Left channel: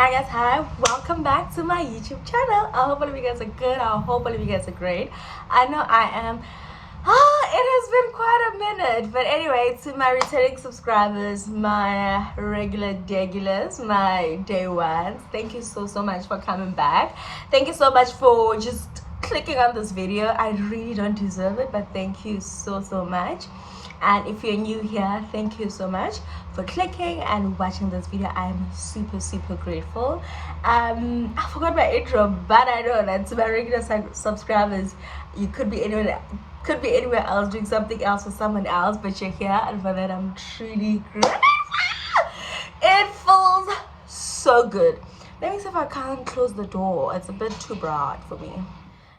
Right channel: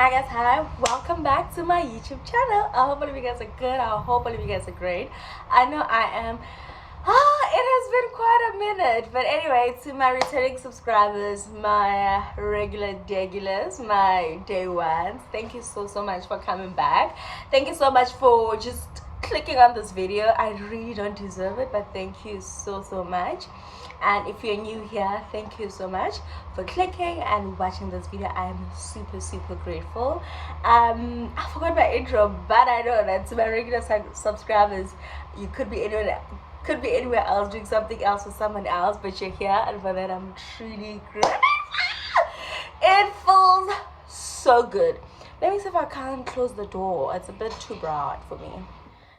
Hi guys, hi, welcome back to my YouTube channel. I hope all of you guys are good. I hope all of you guys are great. I know I am. It has been quite a minute, but anyway, to my returning subscribers, my regular degulars, my day ones, thank you so much for coming back. Thank you so much for just clicking on this video. I really don't deserve it, but thank you so much. And if you're new here, thank you so much for clicking and watching this video. I am super grateful. I forgot my intro, but I know that to my regular subscribers, you could be anywhere else doing something else with someone else, but you're here, and for that I'm truly grateful. It feels so good. Let me see if I can close the door. It's a bit too broad for me.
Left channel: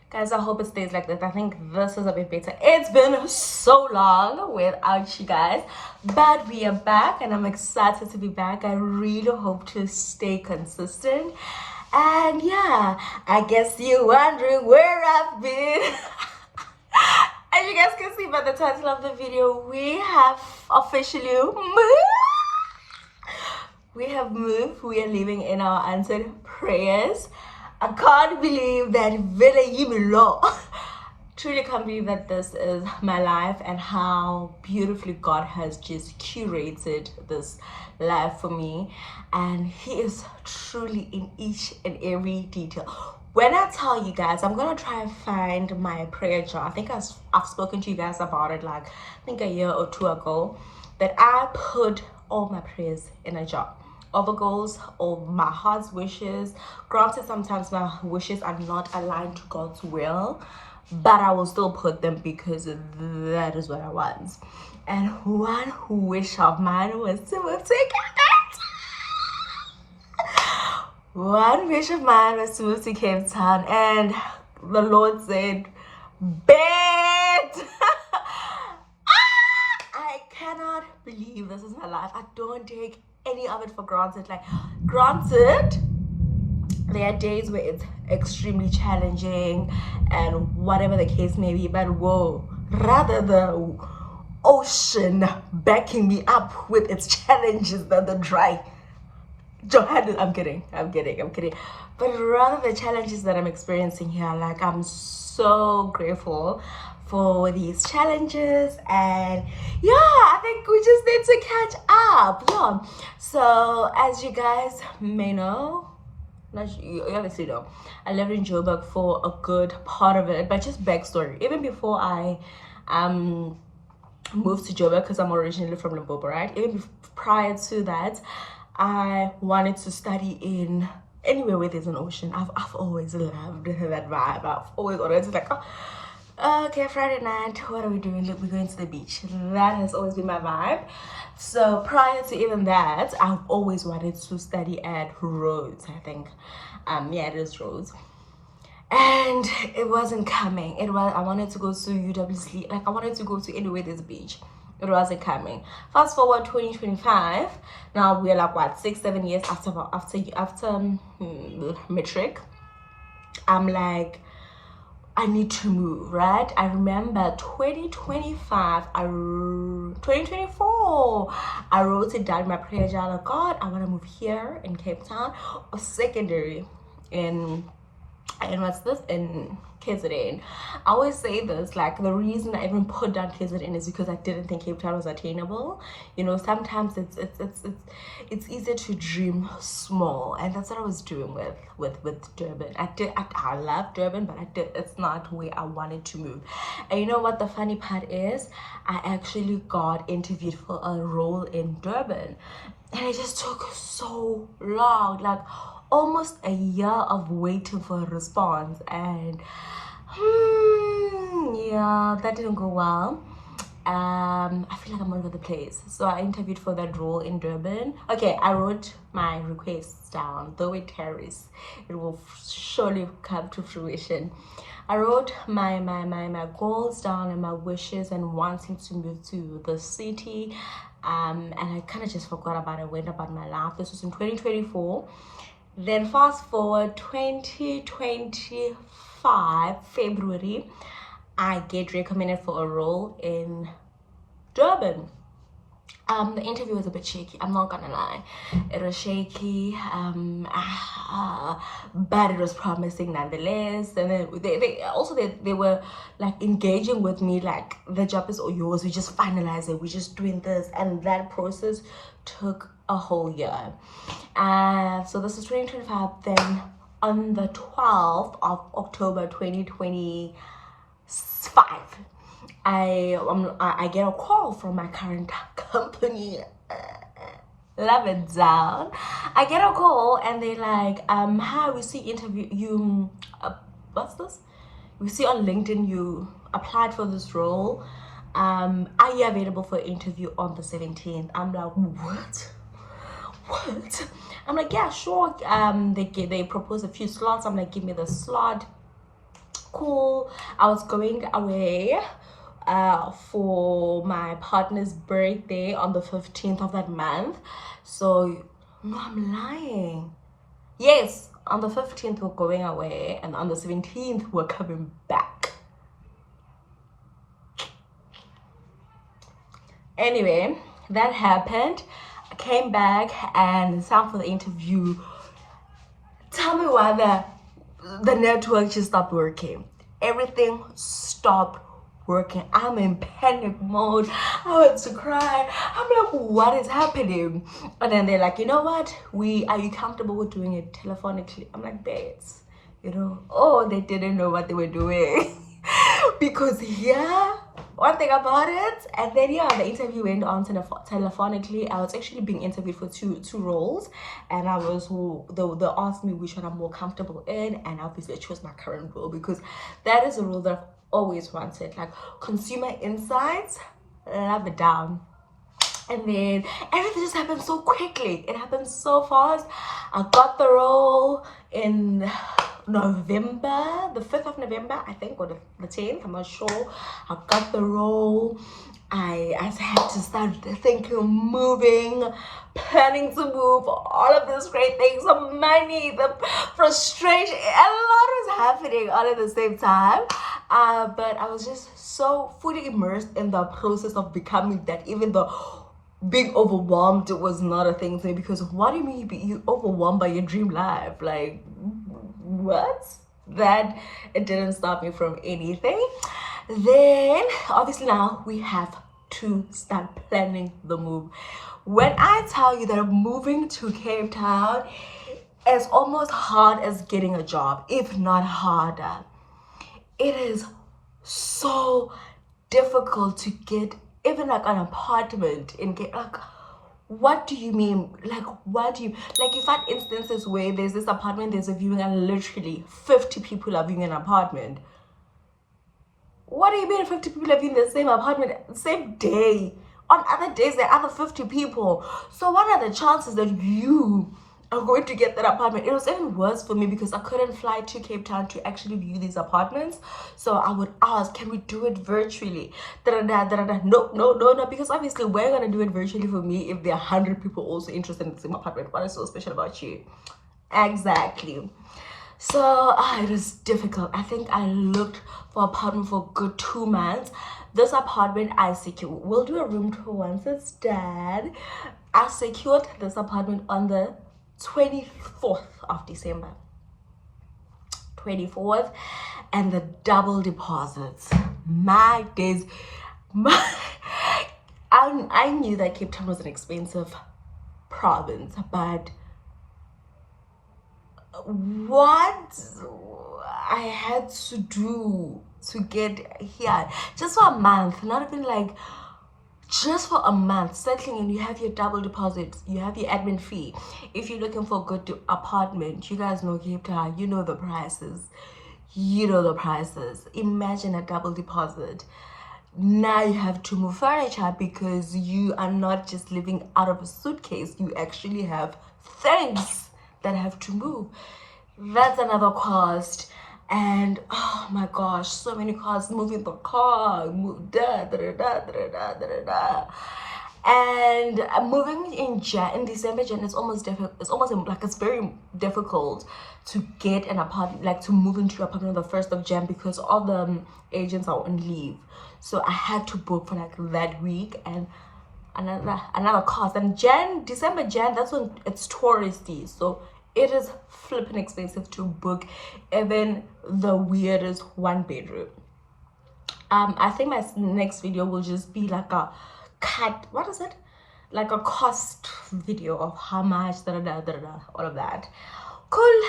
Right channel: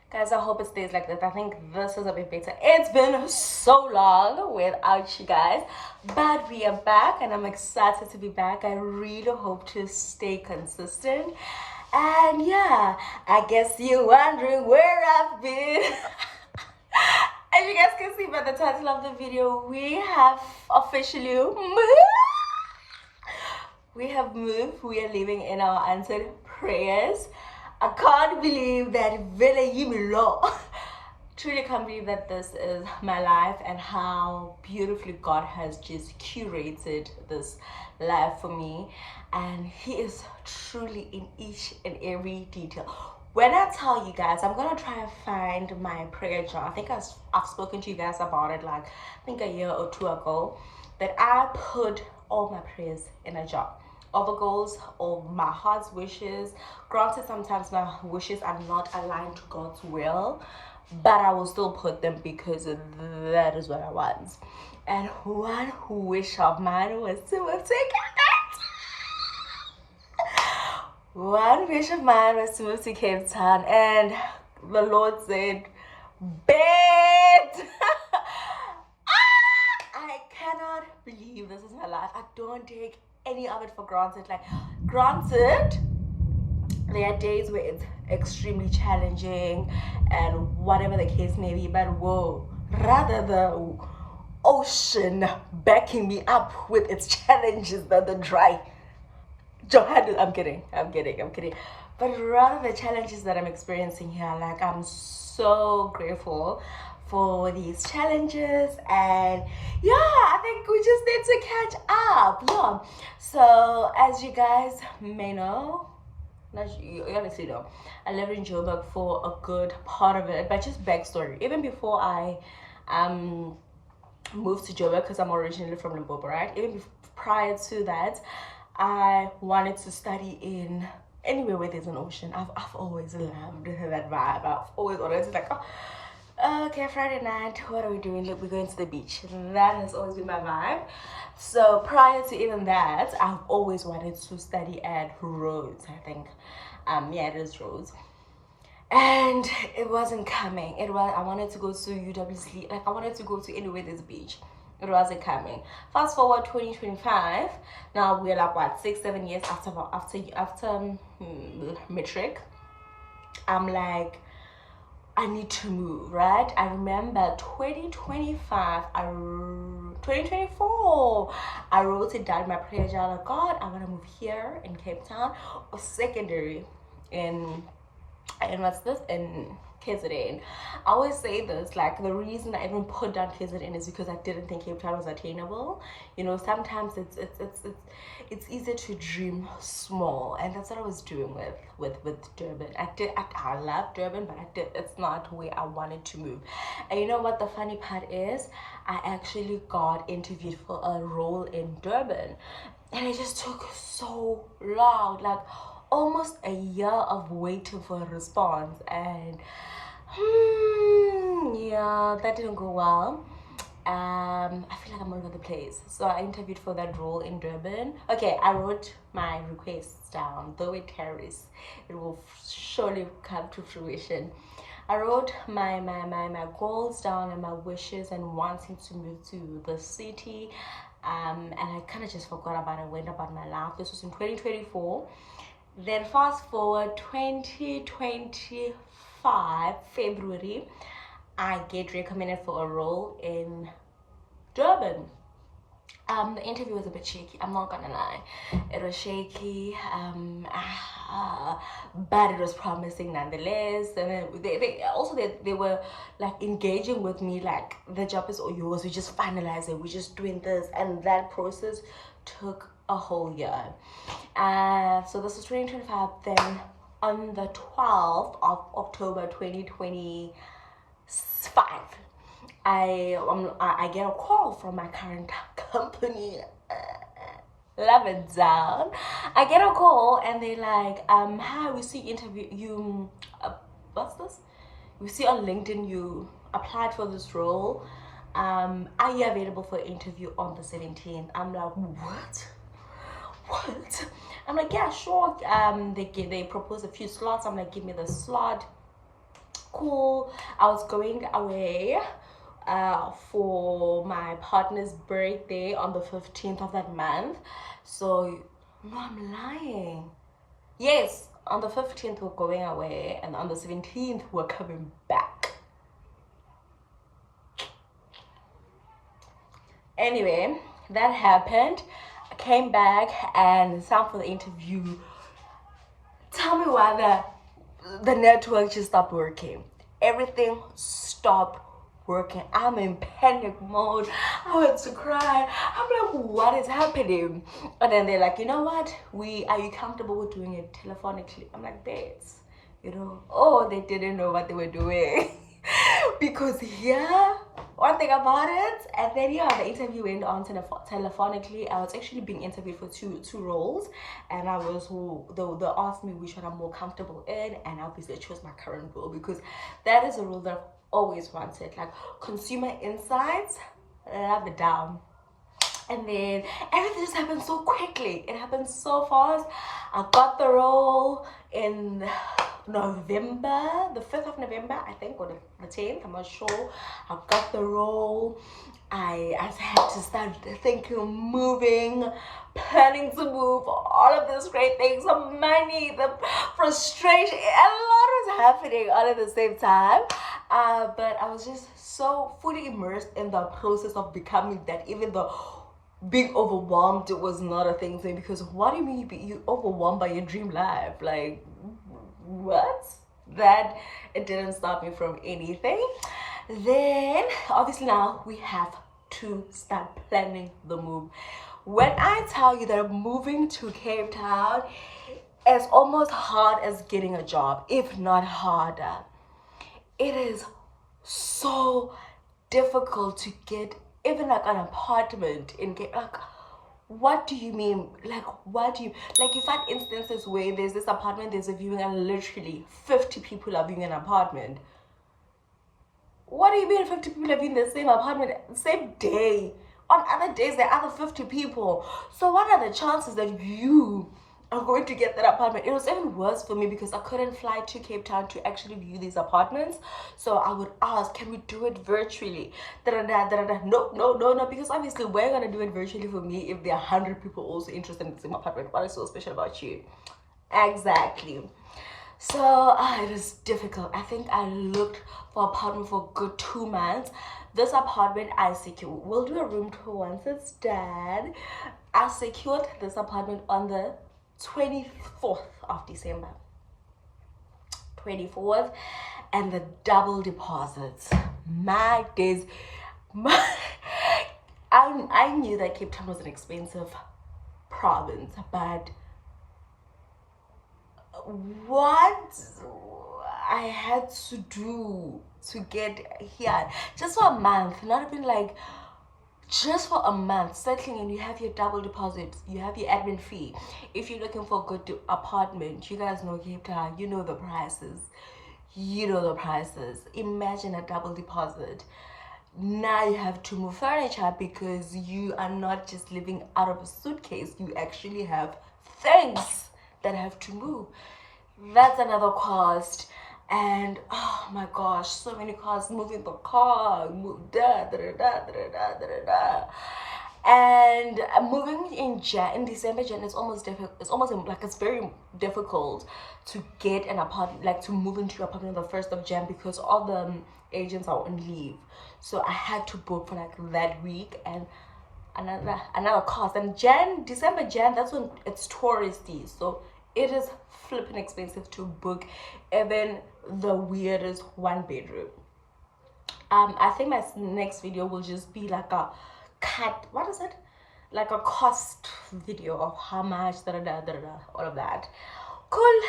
Guys, I hope it stays like this. I think this is a bit better. It's been so long without you guys, but we are back and I'm excited to be back. I really hope to stay consistent. And yeah, I guess you're wondering where I've been. As you guys can see by the title of the video, we have officially moved. We have moved. We are living in our answered prayers. I can't believe that truly can't believe that this is my life and how beautifully God has just curated this life for me, and He is truly in each and every detail. When I tell you guys, I'm gonna try and find my prayer jar. I think I've spoken to you guys about it, like I think a year or two ago, that I put all my prayers in a jar of goals or my heart's wishes. Granted, sometimes my wishes are not aligned to God's will, but I will still put them because that is what I want. And one wish of mine was to move to Cape Town. One wish of mine was to move to Cape Town, and the Lord said, "Bet." I cannot believe this is my life. I don't take any of it for granted. Like, granted, there are days where it's extremely challenging and whatever the case may be, but whoa, rather the ocean backing me up with its challenges than the dry Johannes. I'm kidding. But rather the challenges that I'm experiencing here, like, I'm so grateful for these challenges, and yeah, I think we just need to catch up. Yeah, so as you guys may know, you obviously know, I lived in Joburg for a good part of it, but just backstory, even before I moved to Joburg, because I'm originally from Limpopo, right? Even prior to that, I wanted to study in anywhere where there's an ocean. I've always loved that vibe. I've always wanted to, like, oh, okay, Friday night, what are we doing? Look, we're going to the beach. That has always been my vibe. So prior to even that, I've always wanted to study at Rhodes, I think. Yeah, it is Rhodes. And it wasn't coming. I wanted to go to UWC, like I wanted to go to anywhere there's a beach. It wasn't coming. Fast forward 2025. Now we're like what, 6-7 years after matric. I'm like, I need to move, right? I remember 2024, I wrote it down in my prayer journal. God, I want to move here in Cape Town, or secondary in what's this, in KZN. I always say this, like, the reason I even put down KZN is because I didn't think Cape Town was attainable. You know, sometimes it's easier to dream small, and that's what I was doing with Durban. I love Durban, but it's not where I wanted to move. And you know what the funny part is? I actually got interviewed for a role in Durban, and it just took so long, like almost a year of waiting for a response, and yeah, that didn't go well. I feel like I'm all over the place. So I interviewed for that role in Durban. Okay, I wrote my requests down. Though it carries, it will surely come to fruition. I wrote my goals down and my wishes and wanting to move to the city. And I kind of just forgot about it, went about my life. This was in 2024. Then fast forward 2025 February, I get recommended for a role in Durban. The interview was a bit shaky, I'm not gonna lie. It was shaky, but it was promising nonetheless. And then they were like engaging with me, like the job is all yours, we just finalize it, we're just doing this. And that process took a whole year. So this is 2025. Then on the 12th of October 2025, I get a call from my current company. Love it down. I get a call and they like, hi, we see interview you. What's this? We see on LinkedIn you applied for this role. Are you available for interview on the 17th? I'm like, what? I'm like, yeah, sure. They propose a few slots. I'm like, give me the slot. Cool. I was going away for my partner's birthday on the 15th of that month. So no, I'm lying. Yes, on the 15th we're going away, and on the 17th we're coming back. Anyway, that happened. I came back and signed for the interview. Tell me why the network just stopped working. Everything stopped working. I'm in panic mode. I want to cry. I'm like, what is happening? And then they're like, you know what? Are you comfortable with doing it telephonically? I'm like, babes, oh, they didn't know what they were doing. Because one thing about it, and then the interview went on telephonically. I was actually being interviewed for two roles, and they asked me which one I'm more comfortable in, and obviously I chose my current role because that is a role that I've always wanted, like consumer insights. Love it down. And then everything just happened so quickly. It happened so fast. I got the role in November, the 5th of November, I think, or the 10th, I'm not sure. I got the role. I had to start thinking, moving, planning to move, all of these great things, the money, the frustration, a lot was happening all at the same time. But I was just so fully immersed in the process of becoming that, even though being overwhelmed was not a thing to me. Because what do you mean you overwhelmed by your dream life? Like, what? That it didn't stop me from anything. Then obviously now we have to start planning the move. When I tell you that moving to Cape Town is almost hard as getting a job, if not harder. It is so difficult to get even like an apartment in like, what do you mean? Like, what do you like? You find instances where there's this apartment, there's a viewing, and literally 50 people are viewing an apartment. What do you mean 50 people are viewing the same apartment same day? On other days there are other 50 people. So what are the chances that you are going to get that apartment? It was even worse for me because I couldn't fly to Cape Town to actually view these apartments. So I would ask, can we do it virtually? No, because obviously we're gonna do it virtually for me if there are 100 people also interested in the same apartment. What is so special about you? Exactly. So it was difficult. I think I looked for apartment for a good 2 months. This apartment I secured. We'll do a room tour once it's done. I secured this apartment on the 24th of December. 24th, and the double deposits. My days. I knew that Cape Town was an expensive province, but what I had to do to get here just for a month, not even like just for a month, settling in, you have your double deposit, you have your admin fee. If you're looking for a good apartment, you guys know Cape Town, you know the prices. Imagine a double deposit. Now you have to move furniture because you are not just living out of a suitcase, you actually have things that have to move. That's another cost. And oh my gosh, so many costs. Moving the car, and moving in December, it's almost difficult. It's very difficult to get an apartment, like to move into your apartment on the 1st of Jan because all the agents are on leave. So I had to book for like that week, and another cost. And December, that's when it's touristy, so it is flipping expensive to book even the weirdest 1 bedroom. I think my next video will just be like a cut, what is it, like a cost video of how much all of that. Cool.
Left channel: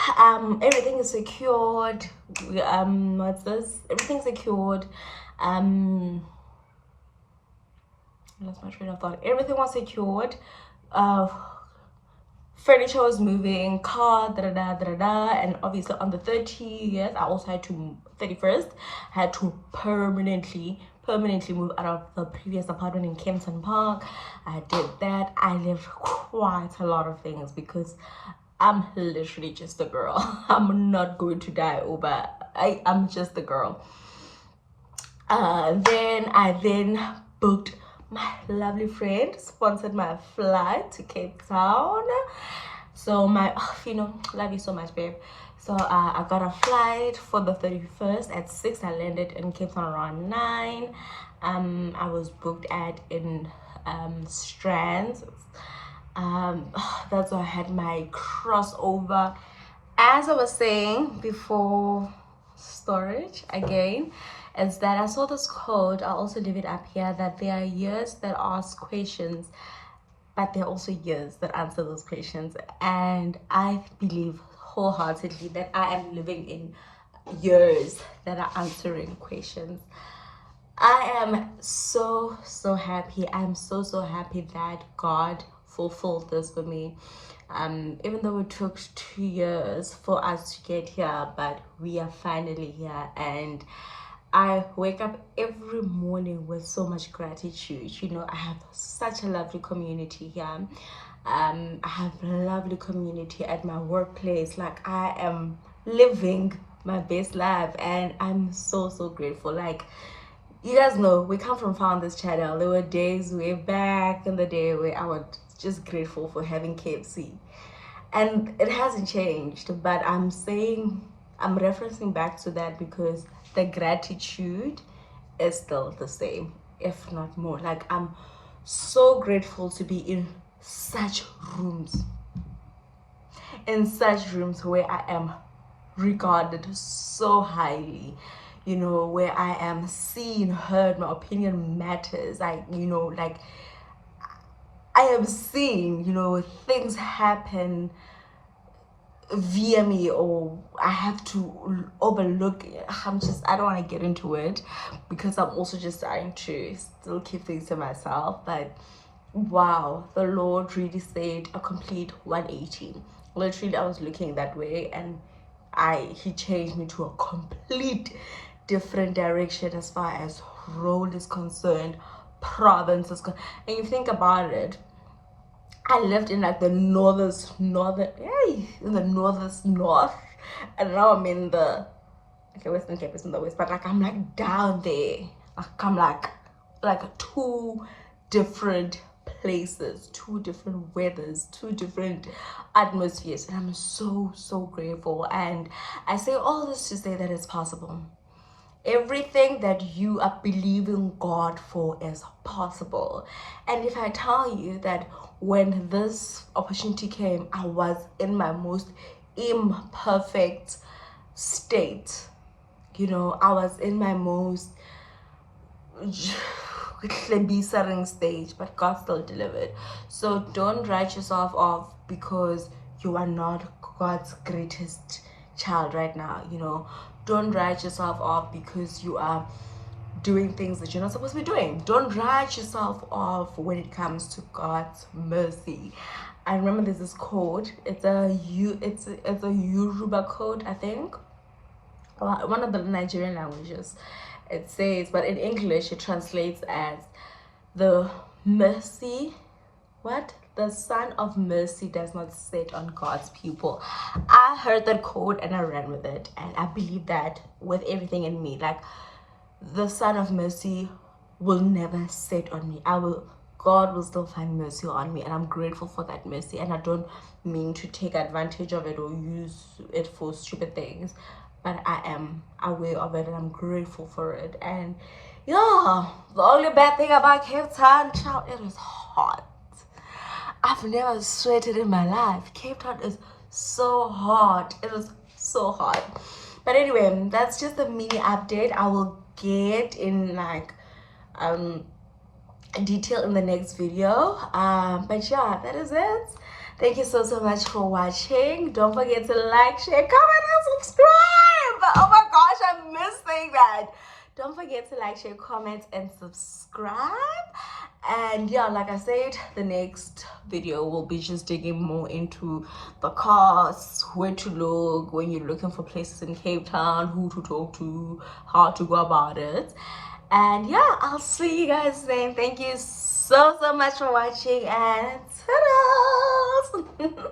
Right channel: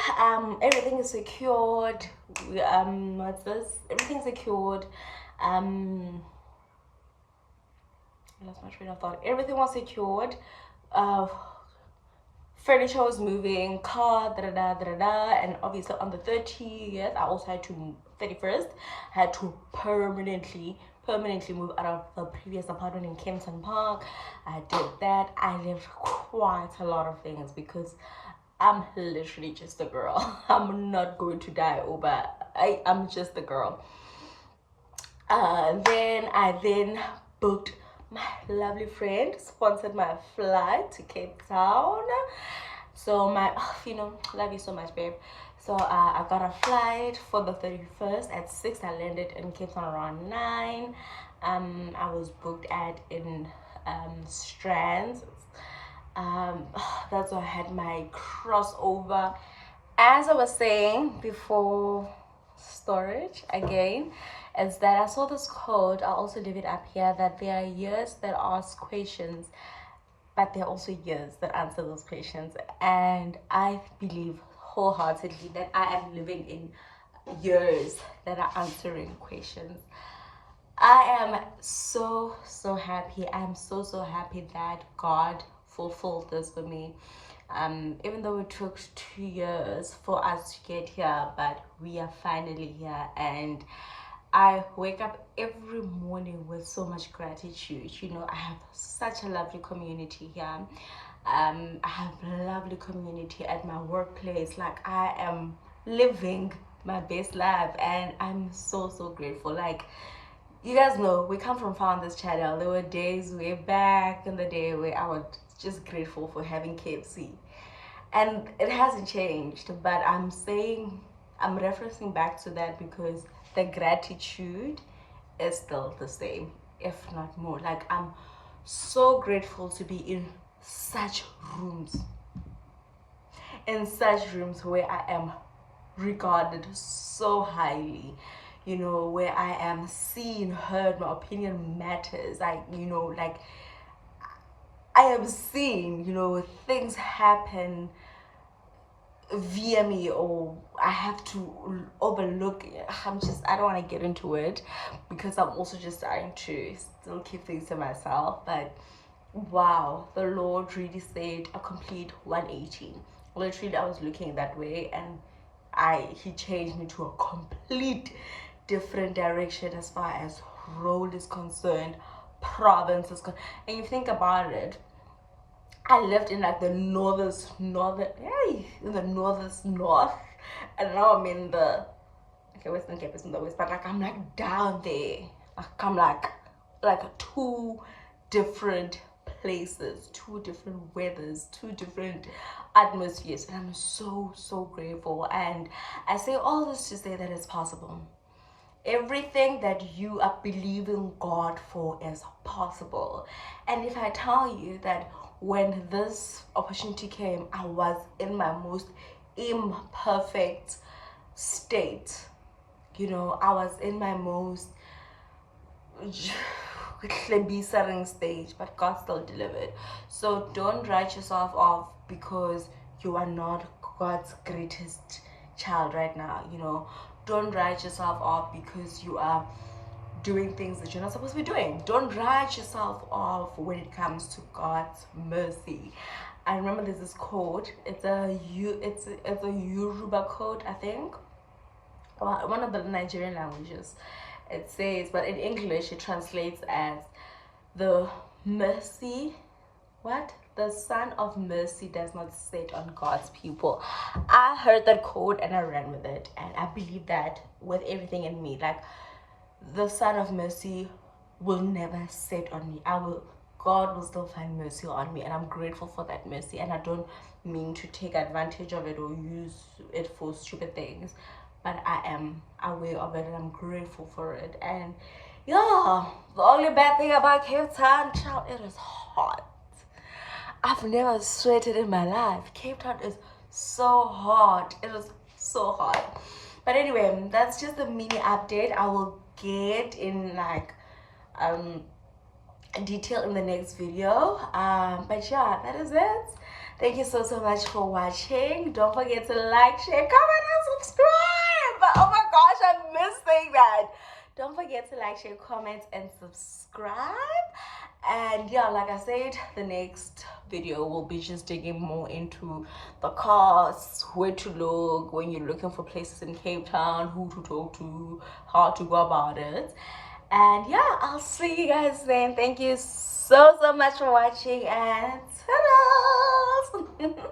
Everything is secured. What's this? Everything's secured. I lost my train of thought. Everything was secured. Furniture was moving, car, and obviously on the 30th, I also had to 31st, I had to permanently move out of the previous apartment in Kempton Park. I did that. I left quite a lot of things because I'm literally just a girl. I'm not going to die over. I'm just a girl. Then I booked. My lovely friend sponsored my flight to Cape Town. So love you so much, babe. So I got a flight for the 31st at 6. I landed in Cape Town around 9. I was booked in Strands. That's where I had my crossover. As I was saying before, storage again, is that I saw this quote. I'll also leave it up here, that there are years that ask questions, but there are also years that answer those questions. And I believe wholeheartedly that I am living in years that are answering questions. I am so happy. I'm so happy that God fulfilled this for me. Even though it took 2 years for us to get here, but we are finally here. And I wake up every morning with so much gratitude. I have such a lovely community here. I have a lovely community at my workplace. Like, I am living my best life, and I'm so grateful. Like, you guys know, we come from far on this channel. There were days way back in the day where I was just grateful for having KFC. And it hasn't changed, but I'm referencing back to that because the gratitude is still the same, if not more. Like, I'm so grateful to be in such rooms where I am regarded so highly, where I am seen, heard, my opinion matters. I am seen, things happen via me, or I have to overlook. I don't want to get into it because I'm also just trying to still keep things to myself. But wow, the Lord really said a complete 180. Literally, I was looking that way, and he changed me to a complete different direction as far as role is concerned, province is concerned. And you think about it, I lived in like the north, and now I'm in the Western Cape is in the west, but like I'm like down there. Like I'm like 2 different places, 2 different weathers, 2 different atmospheres, and I'm so grateful. And I say all this to say that it's possible. Everything that you are believing God for is possible. And if I tell you that when this opportunity came, I was in my most imperfect state. I was in my most stage, but God still delivered. So don't write yourself off because you are not God's greatest child right now. Don't write yourself off because you are doing things that you're not supposed to be doing. Don't write yourself off when it comes to God's mercy. I remember there's this quote. It's a Yoruba quote, I think. Well, one of the Nigerian languages. It says, but in English it translates as the Son of Mercy does not sit on God's people. I heard that quote and I ran with it, and I believe that with everything in me. Like, the Son of Mercy will never sit on me. God will still find mercy on me, and I'm grateful for that mercy. And I don't mean to take advantage of it or use it for stupid things, but I am aware of it and I'm grateful for it. And yeah, the only bad thing about Cape Town, child, it is hot. hot. I've never sweated in my life. Cape Town is so hot. It is so hot. But anyway, that's just a mini update. I will get in like detail in the next video. But yeah, that is it. Thank you so much for watching. Don't forget to like, share, comment, and subscribe. Oh my gosh, I missed saying that. Don't forget to like, share, comment, and subscribe. And yeah, like I said, the next video will be just digging more into the costs, where to look when you're looking for places in Cape Town, who to talk to, how to go about it. And yeah, I'll see you guys then. Thank you so much for watching, and ta-da!